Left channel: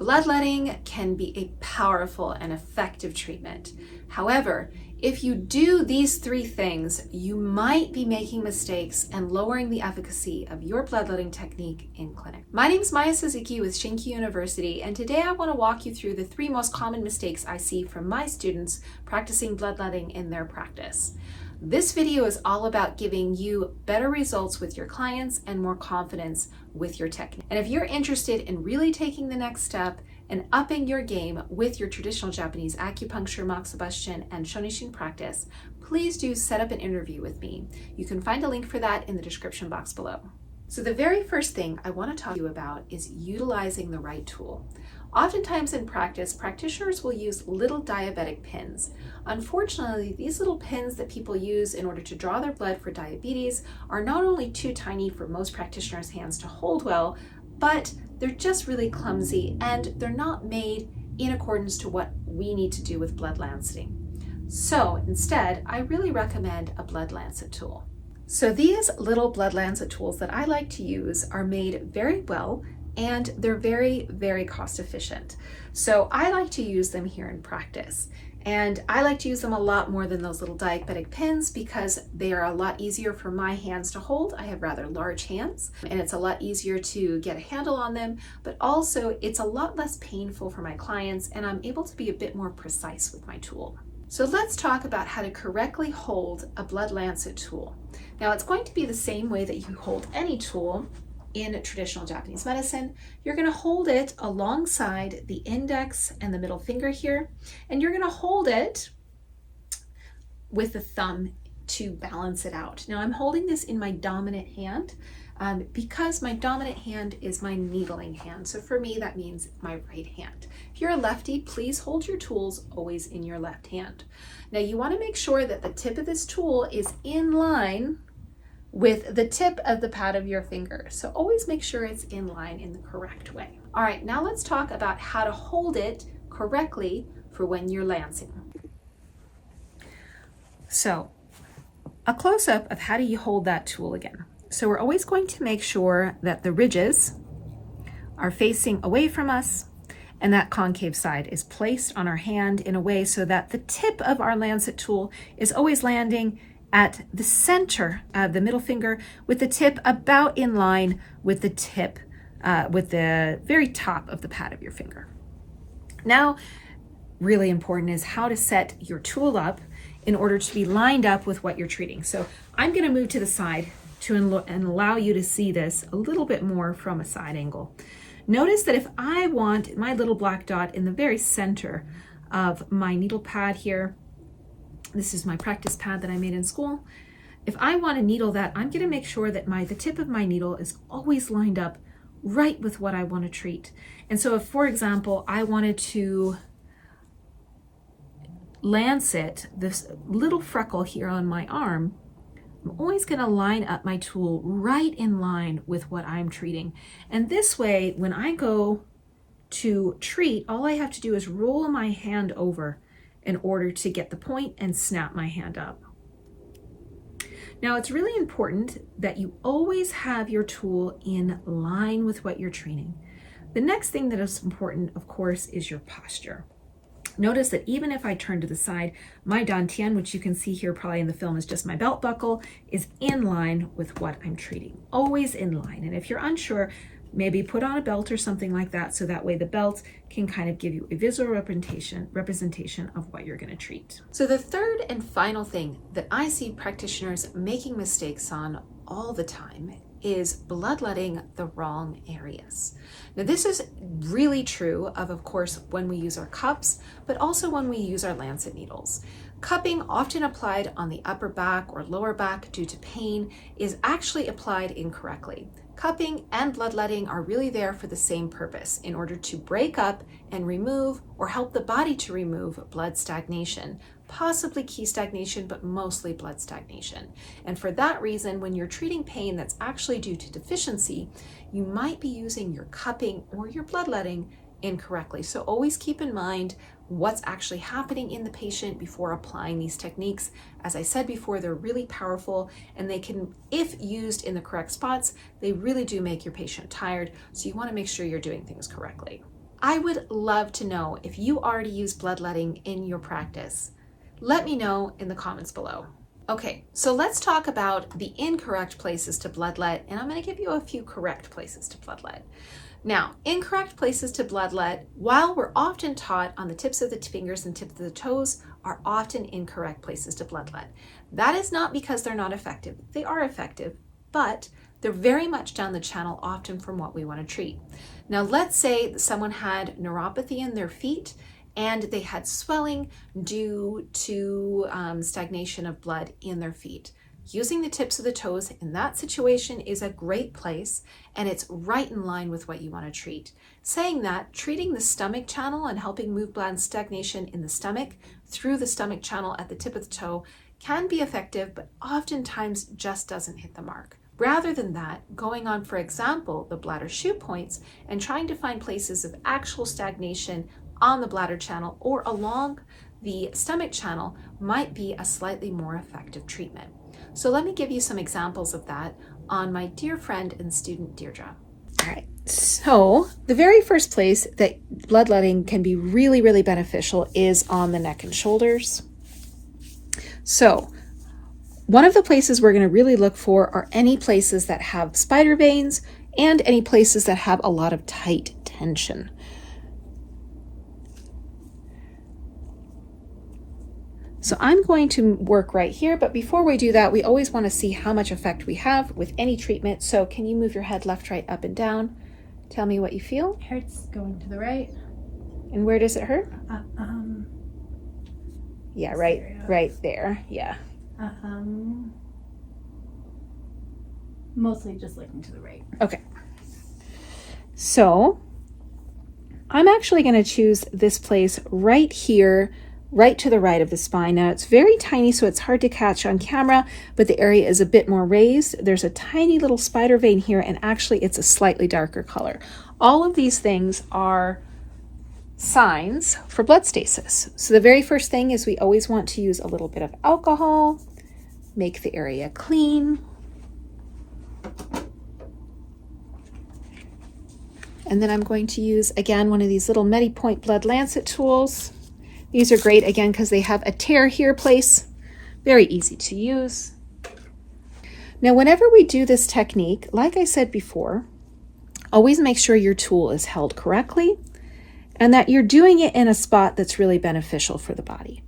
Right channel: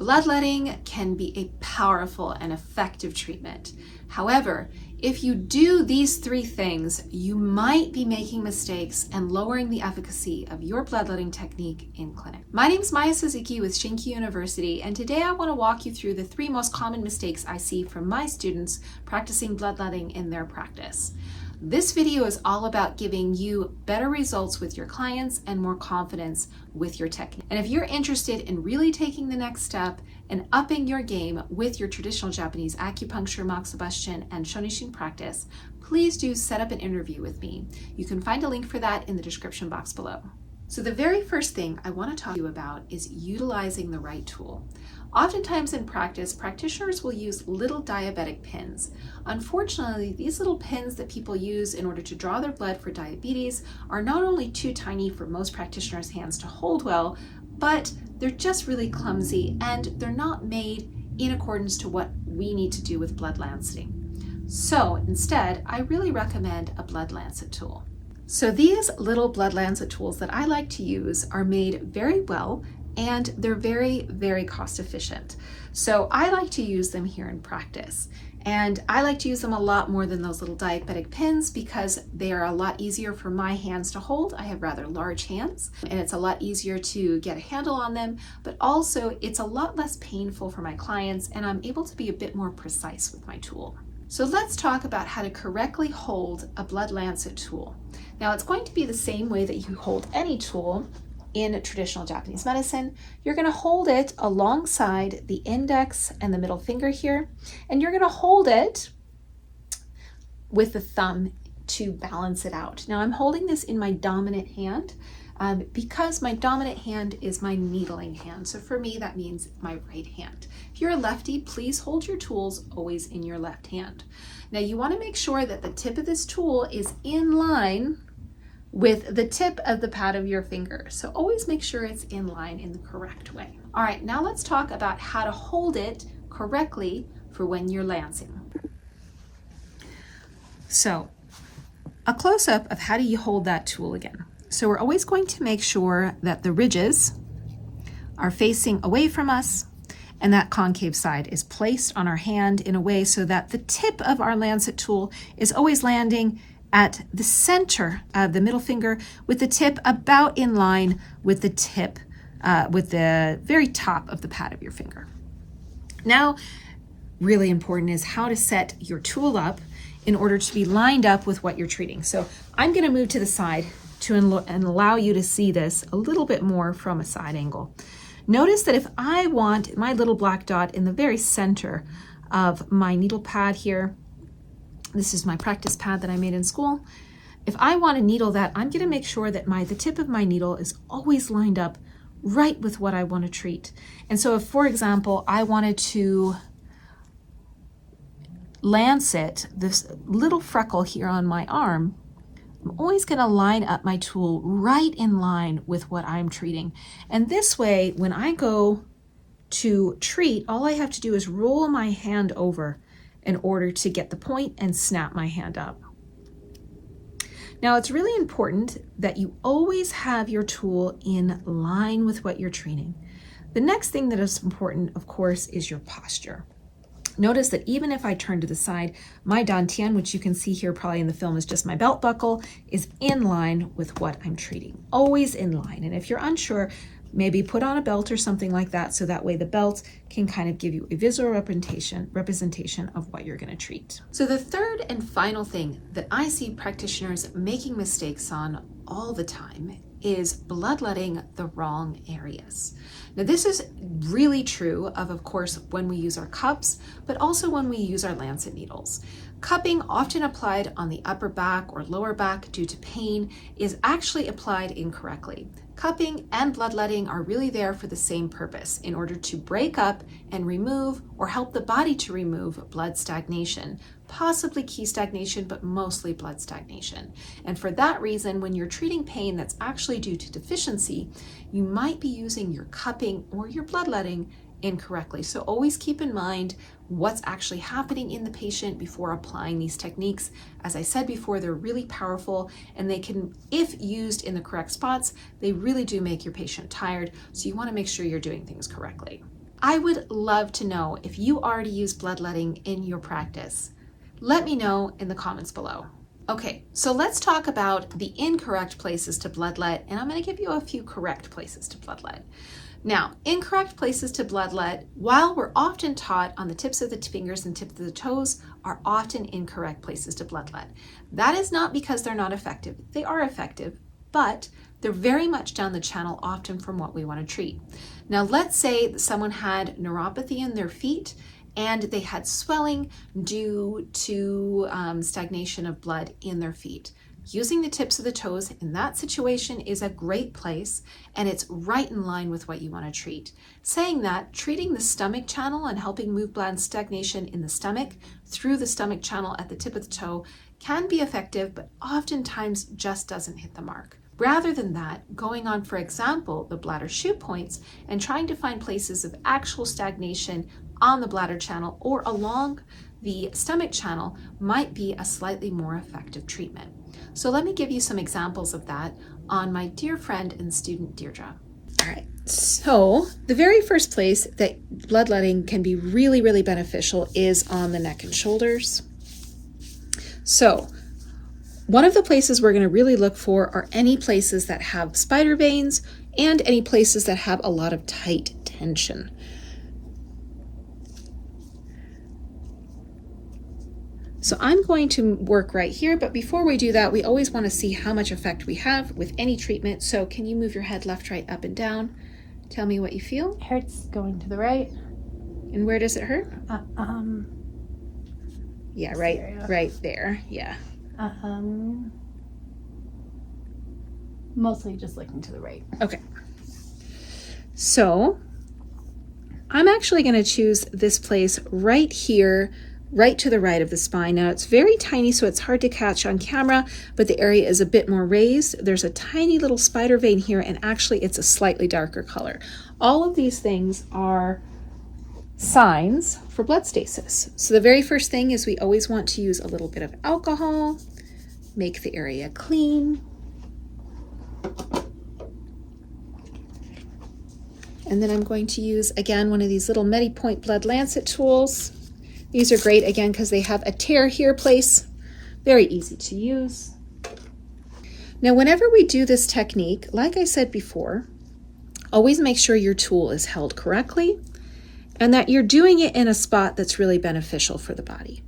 Bloodletting can be a powerful and effective treatment. However, if you do these three things, you might be making mistakes and lowering the efficacy of your bloodletting technique in clinic. My name is Maya Suzuki with ShinKyu University, and today I want to walk you through the three most common mistakes I see from my students practicing bloodletting in their practice. This video is all about giving you better results with your clients and more confidence with your technique. And if you're interested in really taking the next step and upping your game with your traditional Japanese acupuncture, moxibustion, and shonishin practice, please do set up an interview with me. You can find a link for that in the description box below. So the very first thing I want to talk to you about is utilizing the right tool. Oftentimes in practice, practitioners will use little diabetic pins. Unfortunately, these little pins that people use in order to draw their blood for diabetes are not only too tiny for most practitioners' hands to hold well, but they're just really clumsy and they're not made in accordance to what we need to do with blood lancing. So instead, I really recommend a blood lancet tool. So these little blood lancet tools that I like to use are made very well and they're very, very cost efficient. So I like to use them here in practice. And I like to use them a lot more than those little diabetic pins because they are a lot easier for my hands to hold. I have rather large hands and it's a lot easier to get a handle on them, but also it's a lot less painful for my clients and I'm able to be a bit more precise with my tool. So let's talk about how to correctly hold a blood lancet tool. Now it's going to be the same way that you hold any tool in traditional Japanese medicine. You're going to hold it alongside the index and the middle finger here, and you're going to hold it with the thumb to balance it out. Now I'm holding this in my dominant hand because my dominant hand is my needling hand. So for me, that means my right hand. If you're a lefty, please hold your tools always in your left hand. Now you want to make sure that the tip of this tool is in line with the tip of the pad of your finger. So always make sure it's in line in the correct way. All right, now let's talk about how to hold it correctly for when you're lancing. So a close-up of how do you hold that tool again. So we're always going to make sure that the ridges are facing away from us and that concave side is placed on our hand in a way so that the tip of our lancet tool is always landing at the center of the middle finger with the tip about in line with the tip, with the very top of the pad of your finger. Now, really important is how to set your tool up in order to be lined up with what you're treating. So I'm going to move to the side and allow you to see this a little bit more from a side angle. Notice that if I want my little black dot in the very center of my needle pad here, this is my practice pad that I made in school. If I want to needle that, I'm going to make sure that the tip of my needle is always lined up right with what I want to treat. And so if, for example, I wanted to lancet this little freckle here on my arm, I'm always going to line up my tool right in line with what I'm treating. And this way, when I go to treat, all I have to do is roll my hand over in order to get the point and snap my hand up. Now it's really important that you always have your tool in line with what you're treating. The next thing that is important, of course, is your posture. Notice that even if I turn to the side, my dantian, which you can see here probably in the film is just my belt buckle, is in line with what I'm treating. Always in line. And if you're unsure, maybe put on a belt or something like that so that way the belt can kind of give you a visual representation of what you're going to treat. So the third and final thing that I see practitioners making mistakes on all the time is bloodletting the wrong areas. Now this is really true of course, when we use our cups, but also when we use our lancet needles. Cupping, often applied on the upper back or lower back due to pain, is actually applied incorrectly. Cupping and bloodletting are really there for the same purpose, in order to break up and remove or help the body to remove blood stagnation, possibly key stagnation, but mostly blood stagnation. And for that reason, when you're treating pain that's actually due to deficiency, you might be using your cupping or your bloodletting incorrectly. So always keep in mind what's actually happening in the patient before applying these techniques. As I said before, they're really powerful and they can, if used in the correct spots, they really do make your patient tired. So you want to make sure you're doing things correctly. I would love to know if you already use bloodletting in your practice. Let me know in the comments below. Okay, so let's talk about the incorrect places to bloodlet, and I'm going to give you a few correct places to bloodlet. Now, incorrect places to bloodlet, while we're often taught on the tips of the fingers and tips of the toes, are often incorrect places to bloodlet. That is not because they're not effective. They are effective, but they're very much down the channel often from what we want to treat. Now, let's say that someone had neuropathy in their feet and they had swelling due to stagnation of blood in their feet. Using the tips of the toes in that situation is a great place, and it's right in line with what you want to treat. Saying that, treating the stomach channel and helping move blood stagnation in the stomach through the stomach channel at the tip of the toe can be effective, but oftentimes just doesn't hit the mark. Rather than that, going on, for example, the bladder shoe points and trying to find places of actual stagnation on the bladder channel or along the stomach channel might be a slightly more effective treatment. So let me give you some examples of that on my dear friend and student, Deirdre. All right, so the very first place that bloodletting can be really, really beneficial is on the neck and shoulders. So one of the places we're going to really look for are any places that have spider veins and any places that have a lot of tight tension. So I'm going to work right here, but before we do that, we always want to see how much effect we have with any treatment. So can you move your head left, right, up, and down? Tell me what you feel. It hurts going to the right. And where does it hurt? Yeah, right there. Yeah. Mostly just looking to the right. Okay. So I'm actually going to choose this place right here, right to the right of the spine. Now it's very tiny, so it's hard to catch on camera, but the area is a bit more raised. There's a tiny little spider vein here, and actually it's a slightly darker color. All of these things are signs for blood stasis. So the very first thing is we always want to use a little bit of alcohol, make the area clean. And then I'm going to use, again, one of these little MediPoint blood lancet tools. These are great, again, because they have a tear here place. Very easy to use. Now, whenever we do this technique, like I said before, always make sure your tool is held correctly and that you're doing it in a spot that's really beneficial for the body.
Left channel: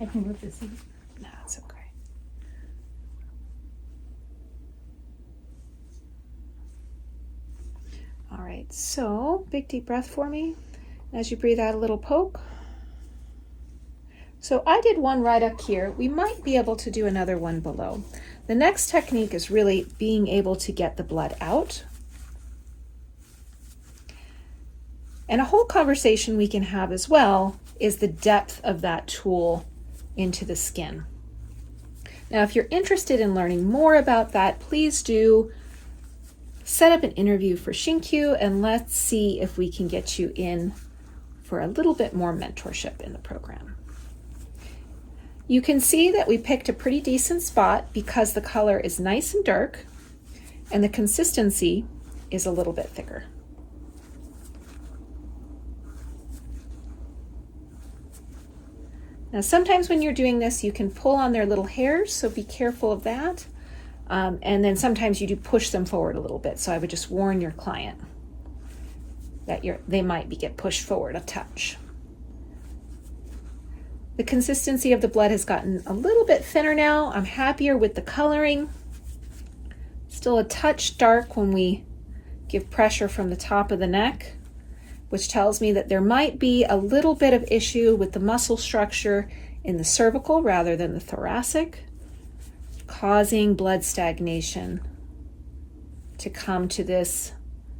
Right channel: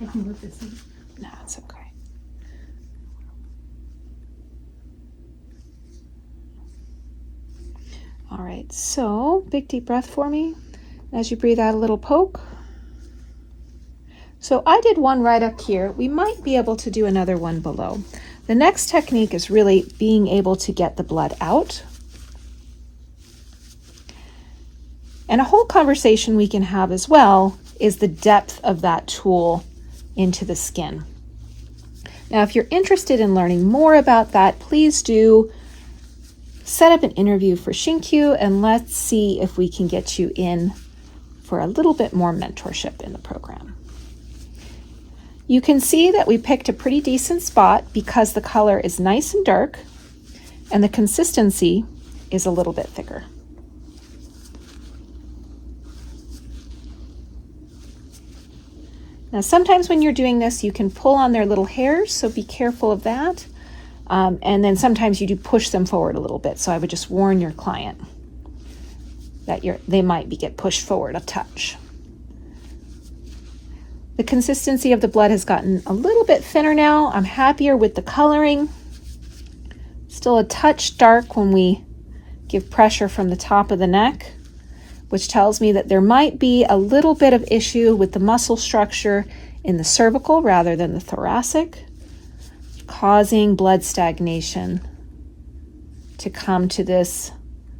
I can move this in. No, it's okay. All right, so big deep breath for me. As you breathe out, a little poke. So I did one right up here. We might be able to do another one below. The next technique is really being able to get the blood out. And a whole conversation we can have as well is the depth of that tool into the skin. Now, if you're interested in learning more about that, please do set up an interview for ShinKyu, and let's see if we can get you in for a little bit more mentorship in the program. You can see that we picked a pretty decent spot because the color is nice and dark and the consistency is a little bit thicker. Now, sometimes when you're doing this, you can pull on their little hairs, so be careful of that. And then sometimes you do push them forward a little bit, so I would just warn your client that they might get pushed forward a touch. The consistency of the blood has gotten a little bit thinner now. I'm happier with the coloring. Still a touch dark when we give pressure from the top of the neck, which tells me that there might be a little bit of issue with the muscle structure in the cervical rather than the thoracic, causing blood stagnation to come to this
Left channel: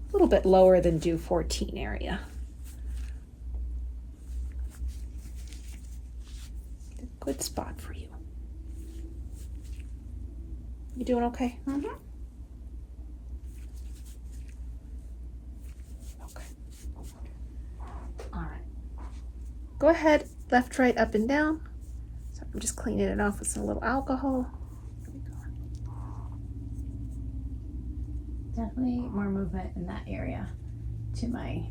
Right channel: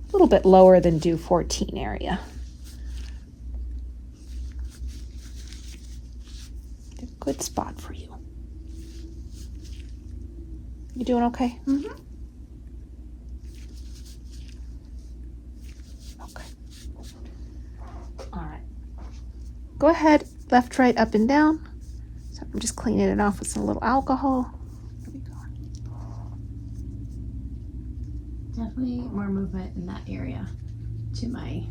a little bit lower than due 14 area. Good spot for you. You doing okay? Mm-hmm. Okay. All right. Go ahead, left, right, up, and down. So I'm just cleaning it off with some little alcohol. There we go. Definitely more movement in that area. to my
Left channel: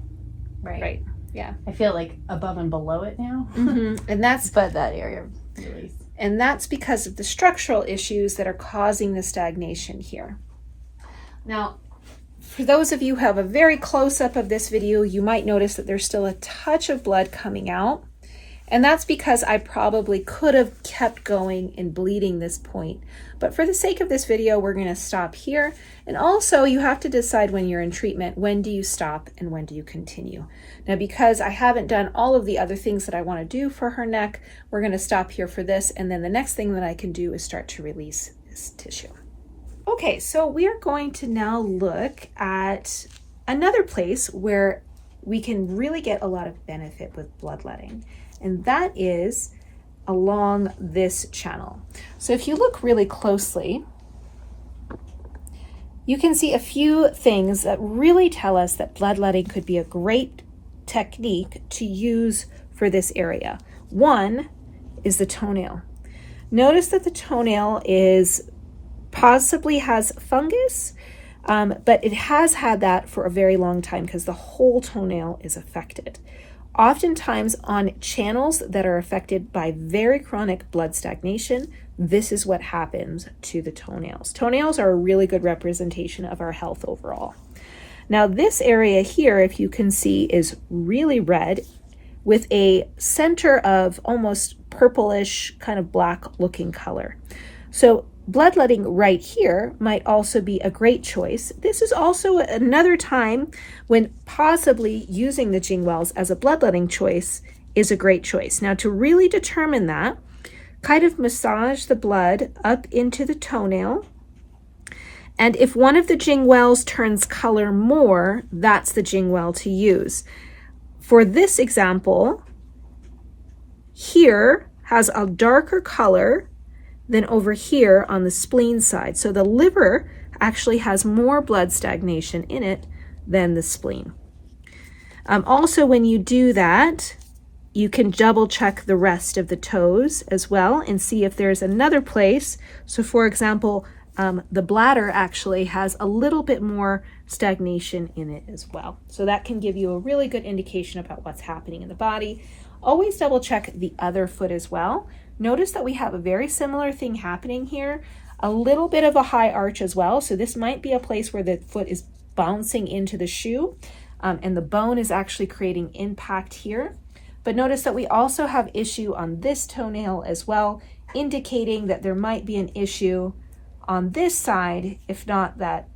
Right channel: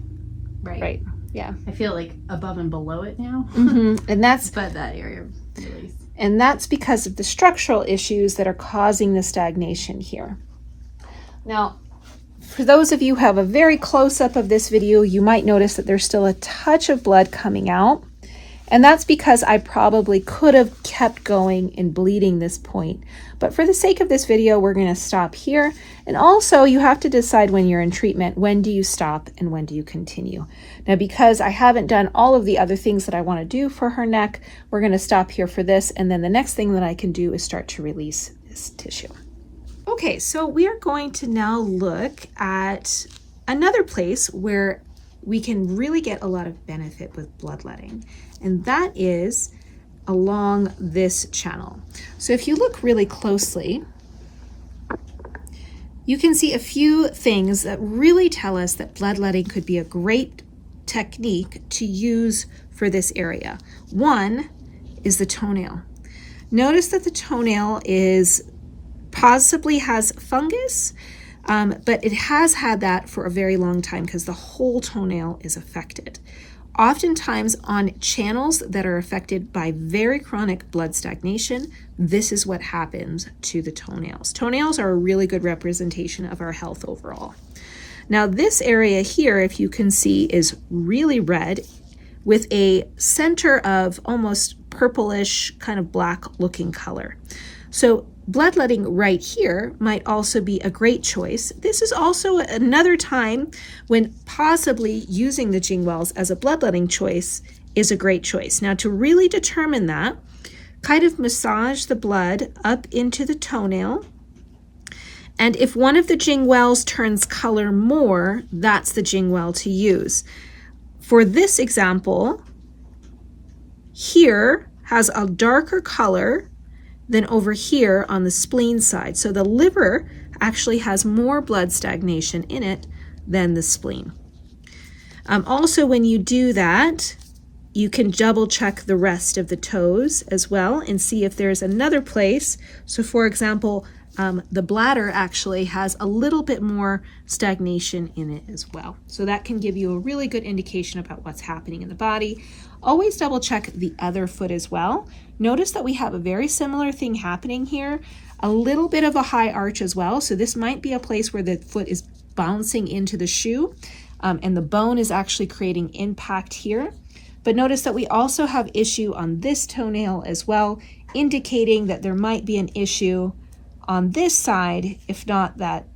right. Right. Yeah. I feel like above and below it now. And that's but that area of release. And that's because of the structural issues that are causing the stagnation here. Now, for those of you who have a very close-up of this video, you might notice that there's still a touch of blood coming out. And that's because I probably could have kept going and bleeding this point. But for the sake of this video, we're going to stop here. And also, you have to decide when you're in treatment, when do you stop and when do you continue. Now, because I haven't done all of the other things that I want to do for her neck, we're going to stop here for this. And then the next thing that I can do is start to release this tissue. Okay, so we are going to now look at another place where we can really get a lot of benefit with bloodletting, and that is along this channel. So if you look really closely, you can see a few things that really tell us that bloodletting could be a great technique to use for this area. One is the toenail. Notice that the toenail possibly has fungus, but it has had that for a very long time because the whole toenail is affected. Oftentimes on channels that are affected by very chronic blood stagnation, this is what happens to the toenails. Toenails are a really good representation of our health overall. Now this area here, if you can see, is really red with a center of almost purplish, kind of black looking color. So bloodletting right here might also be a great choice. This is also another time when possibly using the Jing-wells as a bloodletting choice is a great choice. Now to really determine that, kind of massage the blood up into the toenail. And if one of the Jing-wells turns color more, that's the Jing-well to use. For this example, here has a darker color than over here on the spleen side. So the liver actually has more blood stagnation in it than the spleen. Also, when you do that, you can double check the rest of the toes as well and see if there's another place. So for example, the bladder actually has a little bit more stagnation in it as well. So that can give you a really good indication about what's happening in the body. Always double check the other foot as well. Notice that we have a very similar thing happening here, a little bit of a high arch as well. So this might be a place where the foot is bouncing into the shoe and the bone is actually creating impact here. But notice that we also have issue on this toenail as well, indicating that there might be an issue on this side, if not that,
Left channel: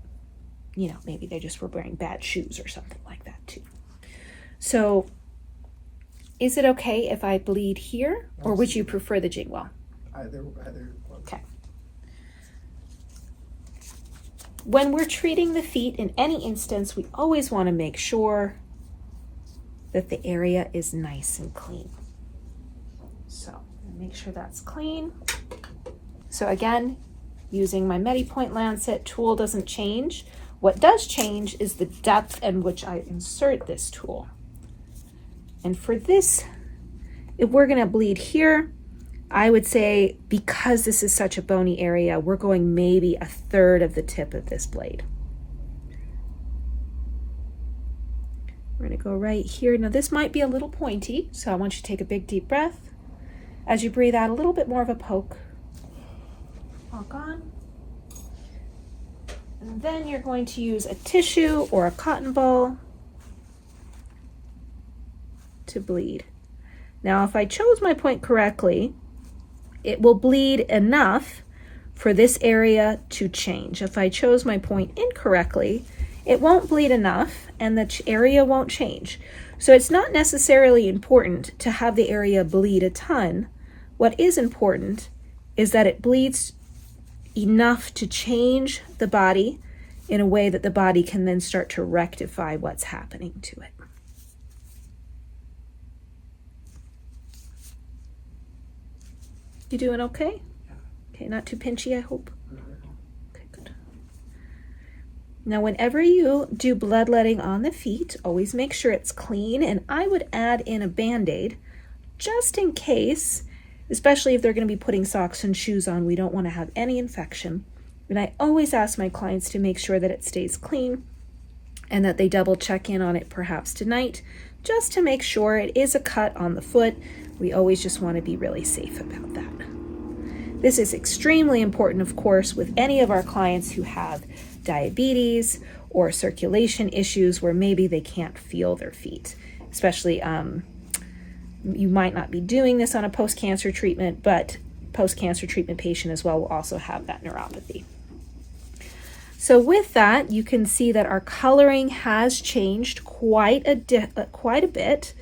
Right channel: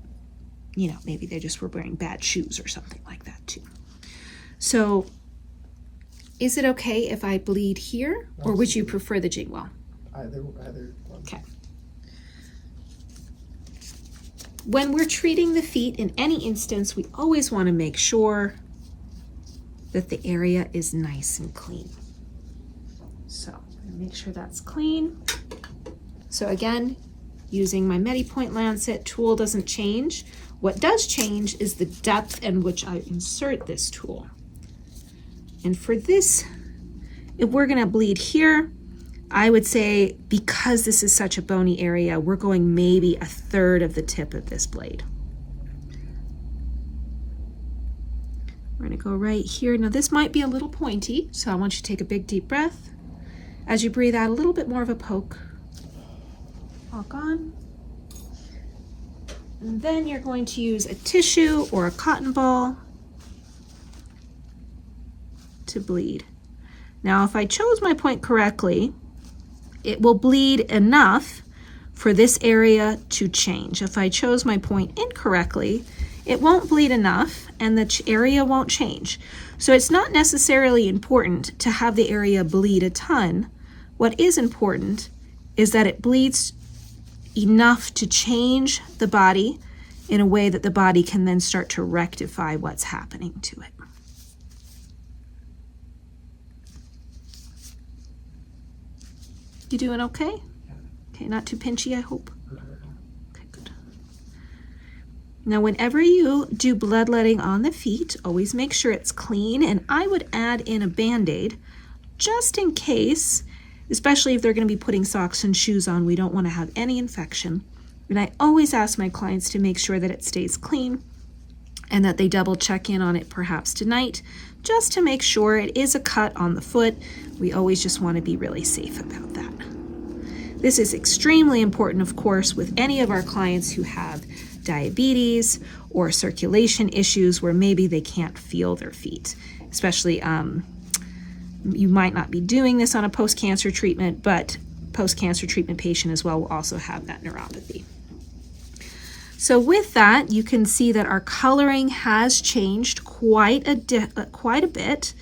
you know, maybe they just were wearing bad shoes or something like that too. So is it okay if I bleed here, or would you prefer the Jing-well? Either. Okay. When we're treating the feet in any instance, we always want to make sure that the area is nice and clean. So I'm gonna make sure that's clean. So again, using my MediPoint Lancet tool doesn't change. What does change is the depth in which I insert this tool. And for this, if we're gonna bleed here, I would say because this is such a bony area, we're going maybe 1/3 of the tip of this blade. We're gonna go right here. Now this might be a little pointy, so I want you to take a big deep breath. As you breathe out, a little bit more of a poke. All gone. And then you're going to use a tissue or a cotton ball to bleed. Now, if I chose my point correctly, it will bleed enough for this area to change. If I chose my point incorrectly, it won't bleed enough and the area won't change. So it's not necessarily important to have the area bleed a ton. What is important is that it bleeds enough to change the body in a way that the body can then start to rectify what's happening to it. You doing okay? Okay, not too pinchy, I hope. Okay, good. Now, whenever you do bloodletting on the feet, always make sure it's clean, and I would add in a Band-Aid just in case, especially if they're going to be putting socks and shoes on. We don't want to have any infection. And I always ask my clients to make sure that it stays clean. and that they double check in on it perhaps tonight, just to make sure it is a cut on the foot. We always just want to be really safe about that. This is extremely important, of course, with any of our clients who have diabetes or circulation issues where maybe they can't feel their feet. Especially, you might not be doing this on a post-cancer treatment, but post-cancer treatment patient as well will also have that neuropathy. So with that, you can see that our coloring has changed quite a bit.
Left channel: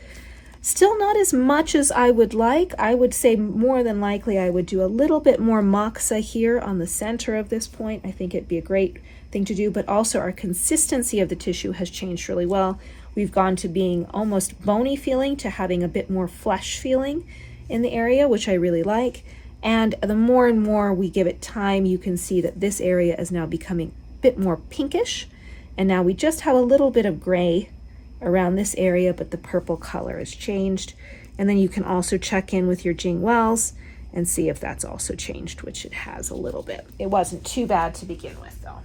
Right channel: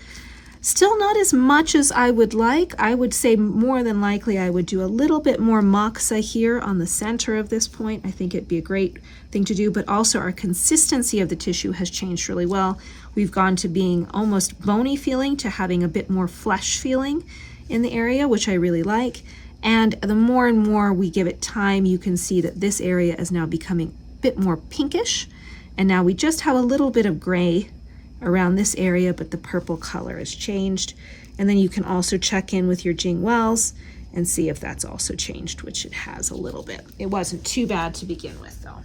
Still not as much as I would like. I would say more than likely I would do a little bit more moxa here on the center of this point. I think it'd be a great thing to do, but also our consistency of the tissue has changed really well. We've gone to being almost bony feeling to having a bit more flesh feeling in the area, which I really like. And the more and more we give it time, you can see that this area is now becoming a bit more pinkish. And now we just have a little bit of gray around this area, but the purple color has changed. And then you can also check in with your Jing-wells and see if that's also changed, which it has a little bit. It wasn't too bad to begin with though.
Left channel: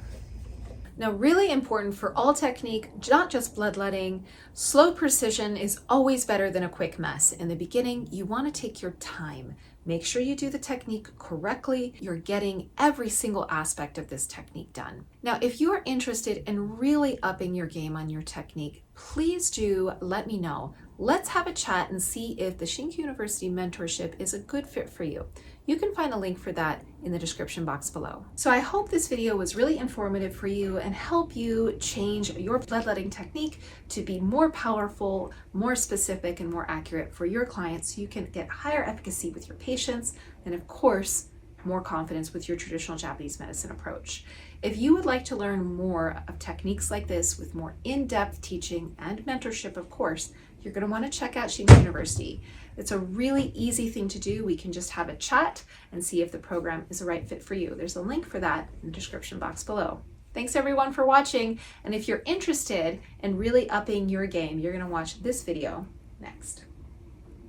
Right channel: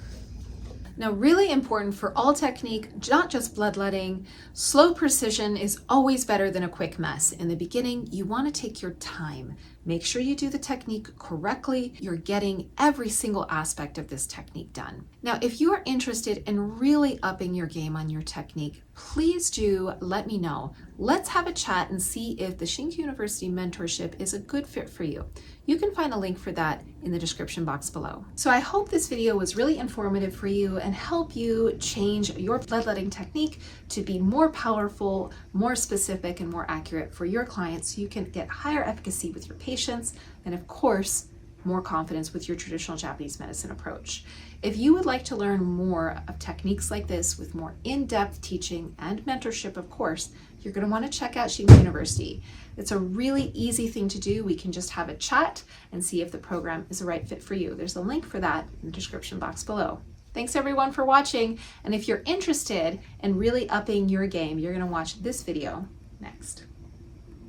Now, really important for all technique, not just bloodletting, slow precision is always better than a quick mess. In the beginning, you want to take your time. Make sure you do the technique correctly. You're getting every single aspect of this technique done. Now, if you are interested in really upping your game on your technique, please do let me know. Let's have a chat and see if the ShinKyu University mentorship is a good fit for you. You can find a link for that in the description box below. So I hope this video was really informative for you and help you change your bloodletting technique to be more powerful, more specific, and more accurate for your clients so you can get higher efficacy with your patients and, of course, more confidence with your traditional Japanese medicine approach. If you would like to learn more of techniques like this with more in-depth teaching and mentorship, of course, you're going to want to check out ShinKyu University. It's a really easy thing to do. We can just have a chat and see if the program is the right fit for you. There's a link for that in the description box below. Thanks everyone for watching. And if you're interested in really upping your game, you're going to watch this video next.